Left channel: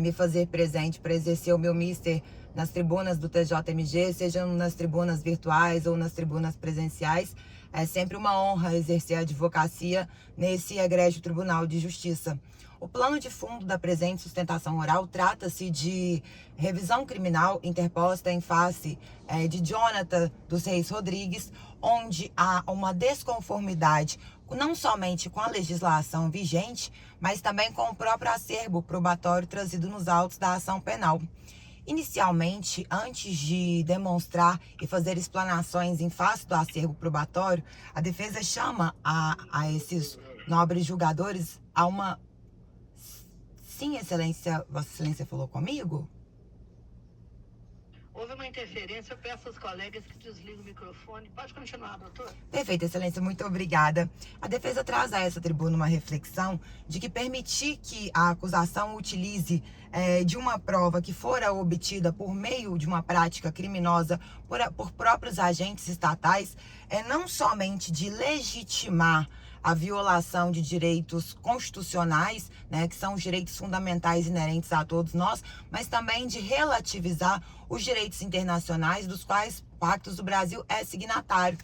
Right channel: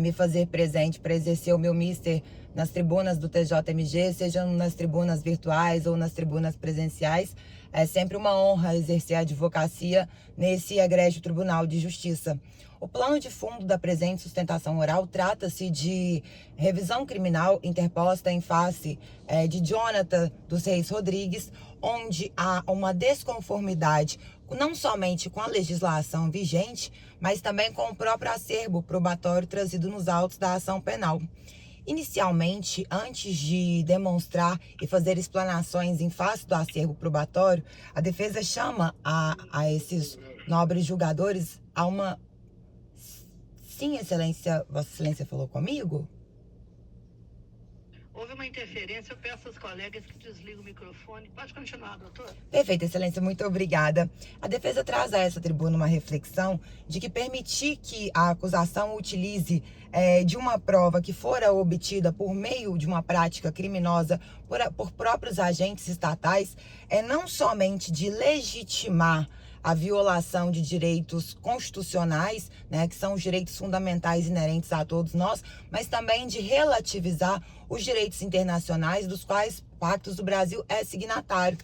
me fazer presente para exercer o meu mister nas tribunas do TJMG, seja nas tribunas virtuais ou nas tribunas presenciais. É sempre uma honra exercer a advocacia nesse egrégio Tribunal de Justiça. O plano de fundo da presente sustentação oral trata-se de revisão criminal interposta em face de Jonathan dos Reis Rodrigues, onde há uma desconformidade não somente com a legislação vigente, mas também com o próprio acervo probatório trazido nos autos da ação penal. Inicialmente, antes de demonstrar e fazer explanações em face do acervo probatório, a defesa chama a esses nobres julgadores a uma... Sim, Excelência, Vossa Excelência falou comigo? Houve uma interferência, eu peço aos colegas que desliguem o microfone. Pode continuar, doutor. Perfeito, Excelência, muito obrigada. A defesa traz a essa tribuna uma reflexão de que permitir que a acusação utilize de uma prova que fora obtida por meio de uma prática criminosa por próprios agentes estatais é não somente de legitimar a violação de direitos constitucionais, né, que são os direitos fundamentais inerentes a todos nós, mas também de relativizar os direitos internacionais dos quais pactos do Brasil é signatário.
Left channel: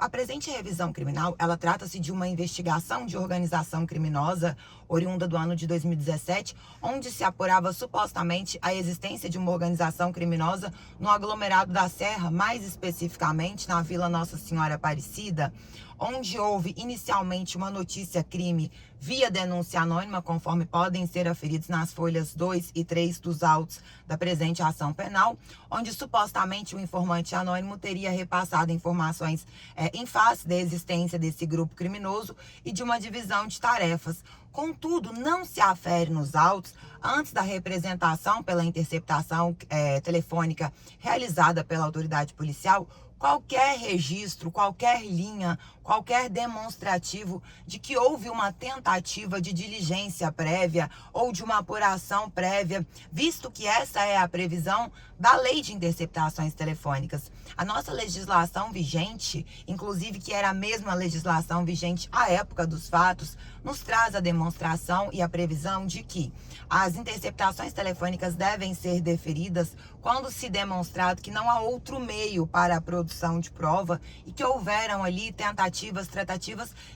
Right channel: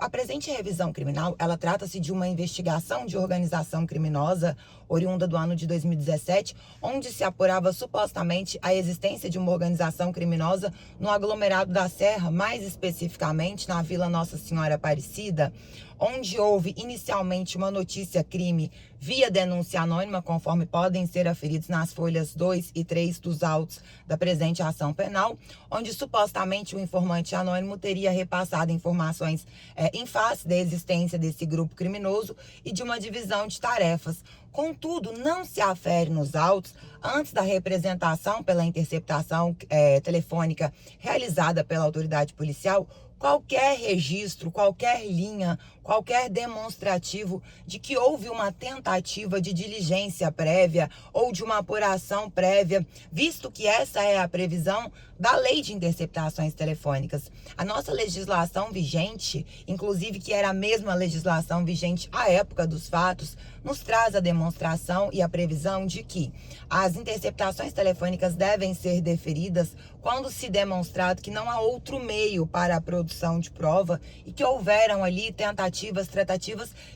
A presente revisão criminal, ela trata-se de uma investigação de organização criminosa oriunda do ano de 2017, onde se apurava supostamente a existência de uma organização criminosa no aglomerado da Serra, mais especificamente na Vila Nossa Senhora Aparecida, onde houve inicialmente uma notícia-crime via denúncia anônima, conforme podem ser aferidos nas folhas 2 e 3 dos autos da presente ação penal, onde supostamente o informante anônimo teria repassado informações em face da existência desse grupo criminoso e de uma divisão de tarefas. Contudo, não se afere nos autos, antes da representação pela interceptação telefônica realizada pela autoridade policial, qualquer registro, qualquer linha, qualquer demonstrativo de que houve uma tentativa de diligência prévia ou de uma apuração prévia, visto que essa é a previsão da Lei de Interceptações Telefônicas. A nossa legislação vigente, inclusive que era a mesma legislação vigente à época dos fatos, nos traz a demonstração e a previsão de que as interceptações telefônicas devem ser deferidas quando se demonstrado que não há outro meio para a produção de prova e que houveram ali tratativas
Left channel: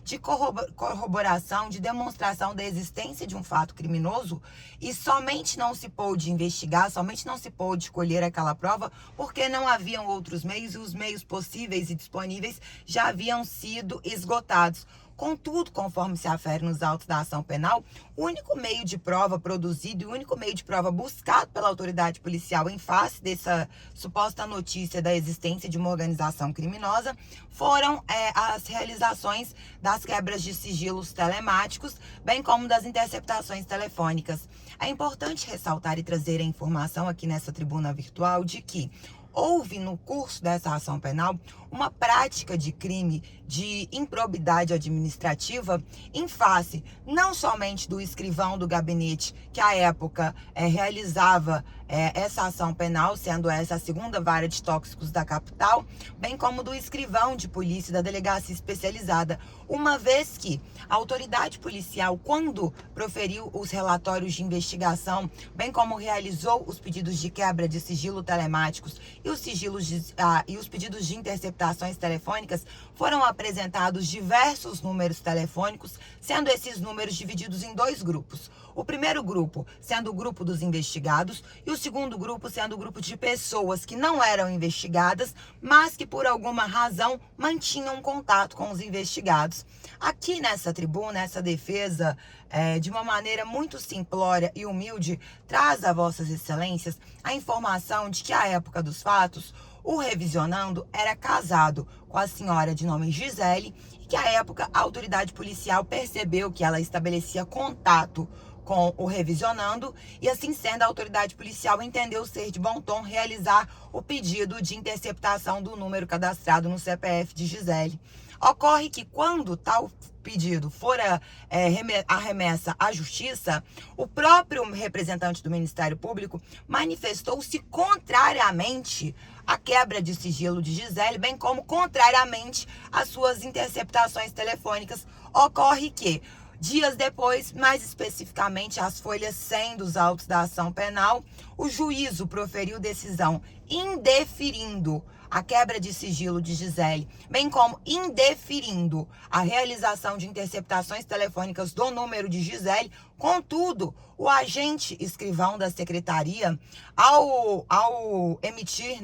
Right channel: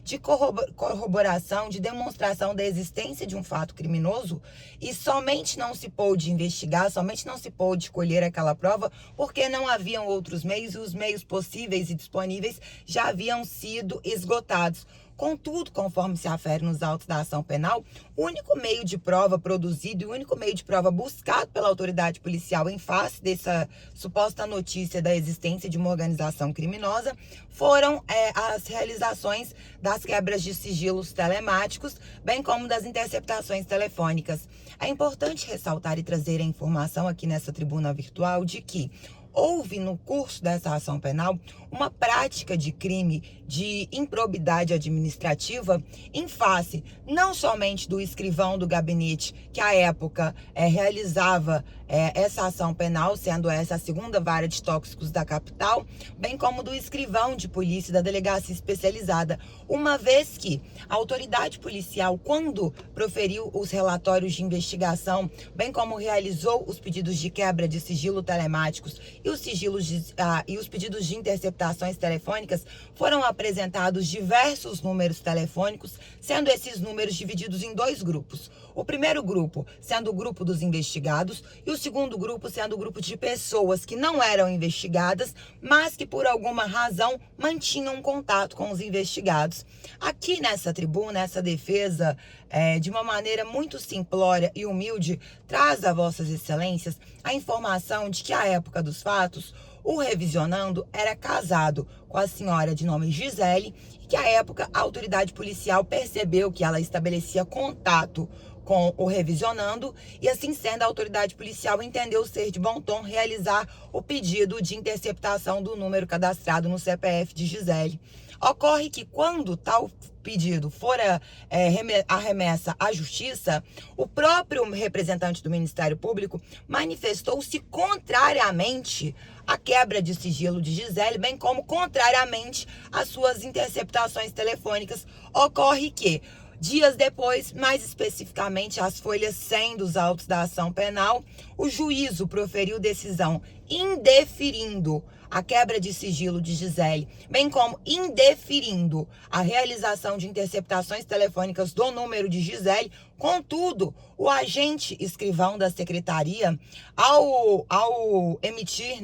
de corroboração, de demonstração da existência de um fato criminoso e somente não se pôde investigar, somente não se pôde colher aquela prova porque não haviam outros meios e os meios possíveis e disponíveis já haviam sido esgotados. Contudo, conforme se afere nos autos da ação penal, o único meio de prova produzido e o único meio de prova buscado pela autoridade policial em face dessa suposta notícia da existência de uma organização criminosa foram as realizações das quebras de sigilos telemáticos, bem como das interceptações telefônicas. É importante ressaltar e trazer a informação aqui nessa tribuna virtual de que houve no curso dessa ação penal uma prática de crime de improbidade administrativa em face não somente do escrivão do gabinete que à época realizava essa ação penal, sendo essa a segunda vara de tóxicos da capital, bem como do escrivão de polícia da delegacia especializada, uma vez que a autoridade policial, quando proferiu os relatórios de investigação, bem como realizou os pedidos de quebra de sigilo telemáticos e os pedidos de interceptações telefônicas, foram apresentados diversos números telefônicos, sendo esses números divididos em dois grupos. O primeiro grupo sendo o grupo dos investigados e o segundo grupo sendo o grupo de pessoas que não eram investigadas, mas que por alguma razão mantinham contato com os investigados. Aqui nessa tribuna, essa defesa, de uma maneira muito simplória e humilde, traz a Vossas Excelências a informação de que à época dos fatos, o revisionando era casado com a senhora de nome Gisele e que à época a autoridade policial percebeu que ela estabelecia contato com o revisionando e assim sendo a autoridade policial entendeu ser de bom tom realizar o pedido de interceptação do número cadastrado no CPF de Gisele. Ocorre que quando tal pedido for arremessa à justiça, o próprio representante do Ministério Público manifestou-se contrariamente à quebra de sigilo de Gisele, bem como contrariamente às suas interceptações telefônicas. Ocorre que Dias depois, mais especificamente as folhas 100 dos autos da ação penal, o juízo proferiu decisão indeferindo a quebra de sigilo de Gisele, bem como indeferindo a realização de interceptações telefônicas do número de Gisele. Contudo, o agente escrivão da secretaria, ao emitir,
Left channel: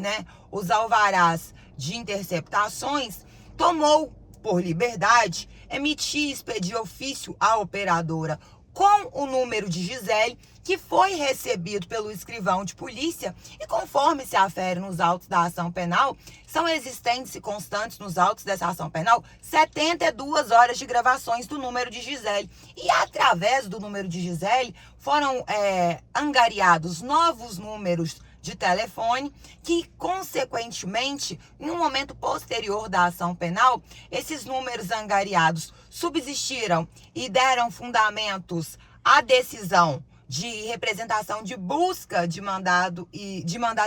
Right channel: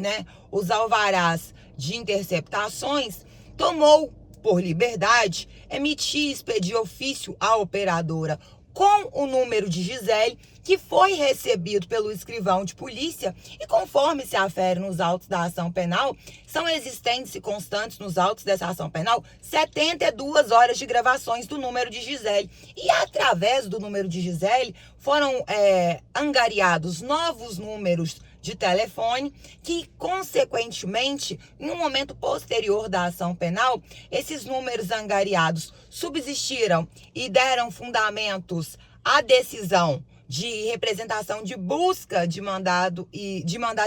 os alvarás de interceptações, tomou por liberdade emitir e expedir ofício à operadora com o número de Gisele, que foi recebido pelo escrivão de polícia e, conforme se afere nos autos da ação penal, são existentes e constantes nos autos dessa ação penal 72 horas de gravações do número de Gisele. E através do número de Gisele foram angariados novos números de telefone que, consequentemente, em um momento posterior da ação penal, esses números angariados subsistiram e deram fundamentos à decisão de representação de busca de mandado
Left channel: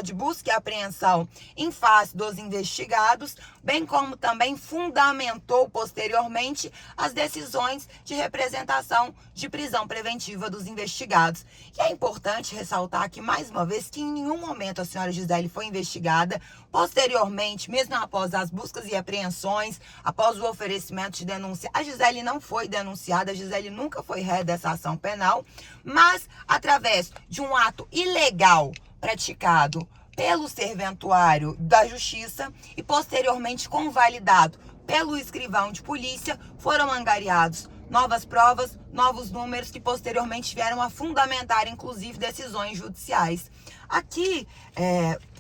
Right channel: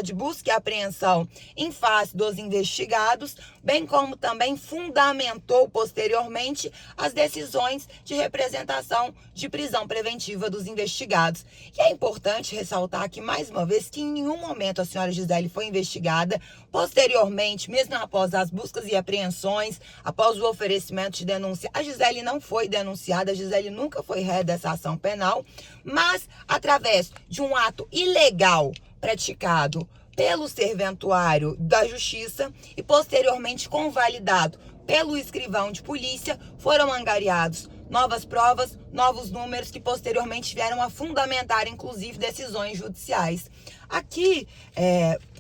de busca e apreensão em face dos investigados, bem como também fundamentou posteriormente as decisões de representação de prisão preventiva dos investigados. E é importante ressaltar que, mais uma vez, que em nenhum momento a senhora Gisele foi investigada. Posteriormente, mesmo após as buscas e apreensões, após o oferecimento de denúncia, a Gisele não foi denunciada, a Gisele nunca foi ré dessa ação penal, mas através de um ato ilegal praticado pelo serventuário da Justiça e posteriormente convalidado pelo escrivão de polícia, foram angariados novas provas, novos números que posteriormente vieram a fundamentar, inclusive, decisões judiciais. Aqui,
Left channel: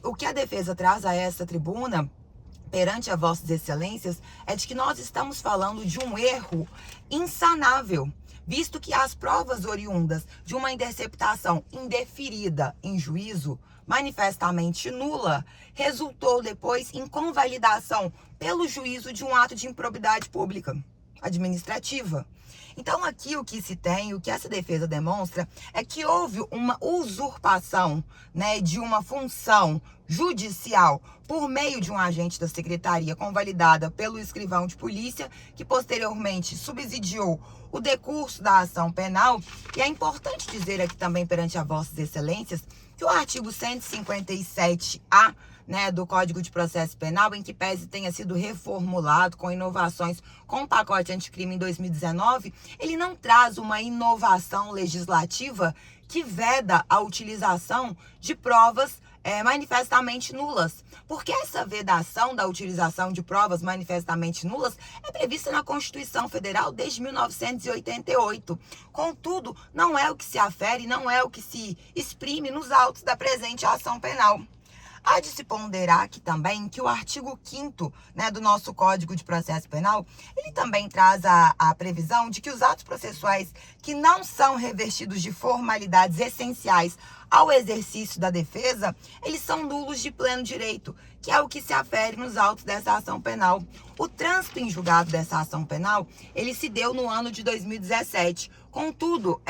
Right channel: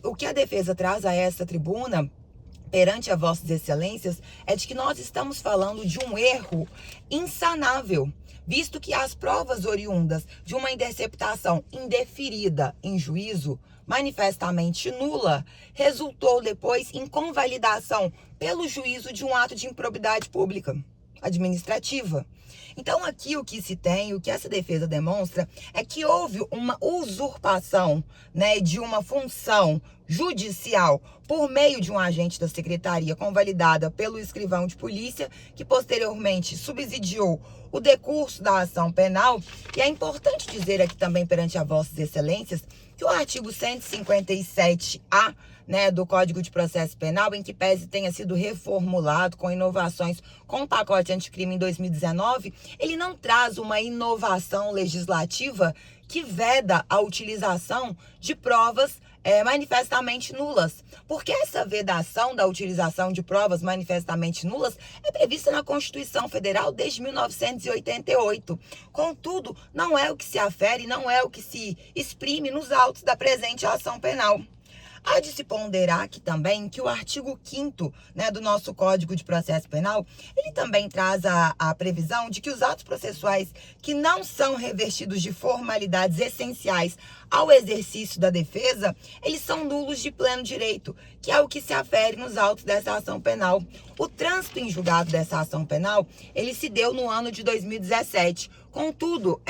o que a defesa traz a essa tribuna, perante a Vossas Excelências, é de que nós estamos falando de um erro insanável, visto que as provas oriundas de uma interceptação indeferida em juízo, manifestamente nula, resultou depois em convalidação pelo juízo de um ato de improbidade pública administrativa. Então, aqui o que se tem, o que essa defesa demonstra, é que houve uma usurpação, de uma função judicial por meio de um agente da secretaria convalidada pelo escrivão de polícia, que posteriormente subsidiou o decurso da ação penal. E é importante dizer aqui também perante a Vossas Excelências que o artigo 157-A, do Código de Processo Penal, em que pese tenha sido reformulado com inovações com o pacote anticrime em 2019, ele não traz uma inovação legislativa que veda a utilização de provas manifestamente nulas. Porque essa vedação da utilização de provas manifestamente nulas é prevista na Constituição Federal desde 1988. Contudo, não é o que se afere, não é o que se exprime nos autos da presente ação penal. Há de se ponderar aqui também que o artigo 5º, do nosso Código de Processo Penal, ele também traz a previsão de que os atos processuais que não são revestidos de formalidades essenciais ao exercício da defesa, eles são nulos de pleno direito, que é o que se afere nos autos dessa ação penal. O trânsito em julgado dessa ação penal, ele se deu no ano de 2017. Contudo,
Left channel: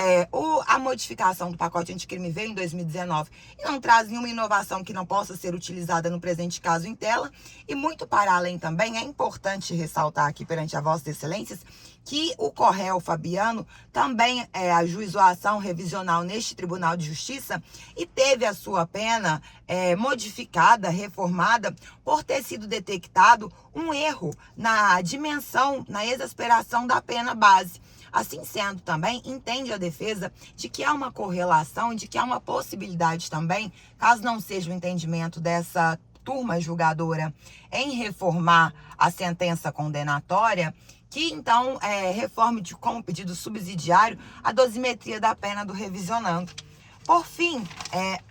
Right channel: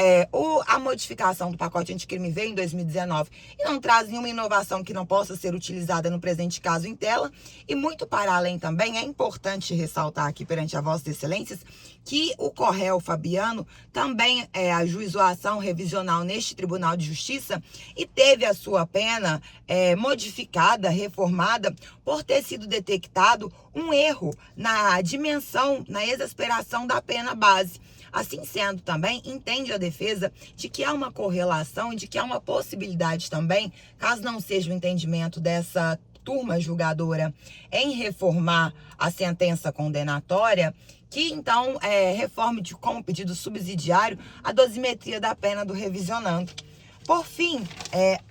a modificação do pacote anticrime veio em 2019 e não traz nenhuma inovação que não possa ser utilizada no presente caso em tela. E muito para além também, é importante ressaltar aqui perante a Vossas Excelências que o Corréu Fabiano também ajuizou a ação revisional neste Tribunal de Justiça e teve a sua pena modificada, reformada, por ter sido detectado um erro na dimensão, na exasperação da pena base. Assim sendo também, entende a defesa de que há uma correlação, de que há uma possibilidade também, caso não seja o entendimento dessa turma julgadora em reformar a sentença condenatória, que então reforme como pedido subsidiário a dosimetria da pena do revisionando. Por fim,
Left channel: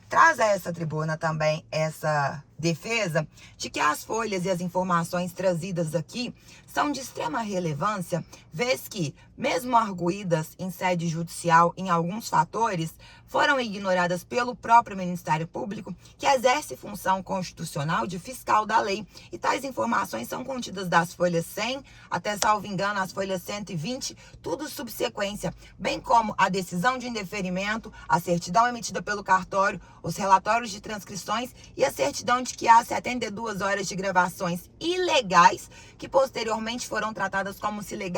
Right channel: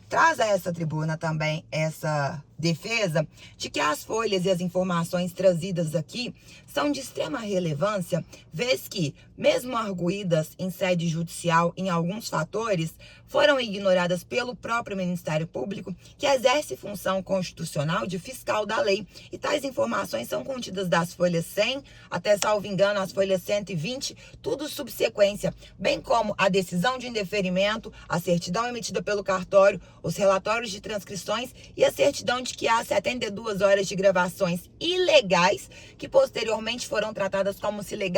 traz a essa tribuna também essa defesa de que as folhas e as informações trazidas aqui são de extrema relevância, vez que, mesmo arguídas em sede judicial em alguns fatores, foram ignoradas pelo próprio Ministério Público, que exerce função constitucional de fiscal da lei. E tais informações são contidas das folhas 100 até, salvo engano, as folhas 120, tudo subsequência, bem como a decisão de indeferimento, a certidão emitida pelo cartório, os relatórios de transcrições e a certidão de que há 72 horas de gravações ilegais que posteriormente foram tratadas como se legais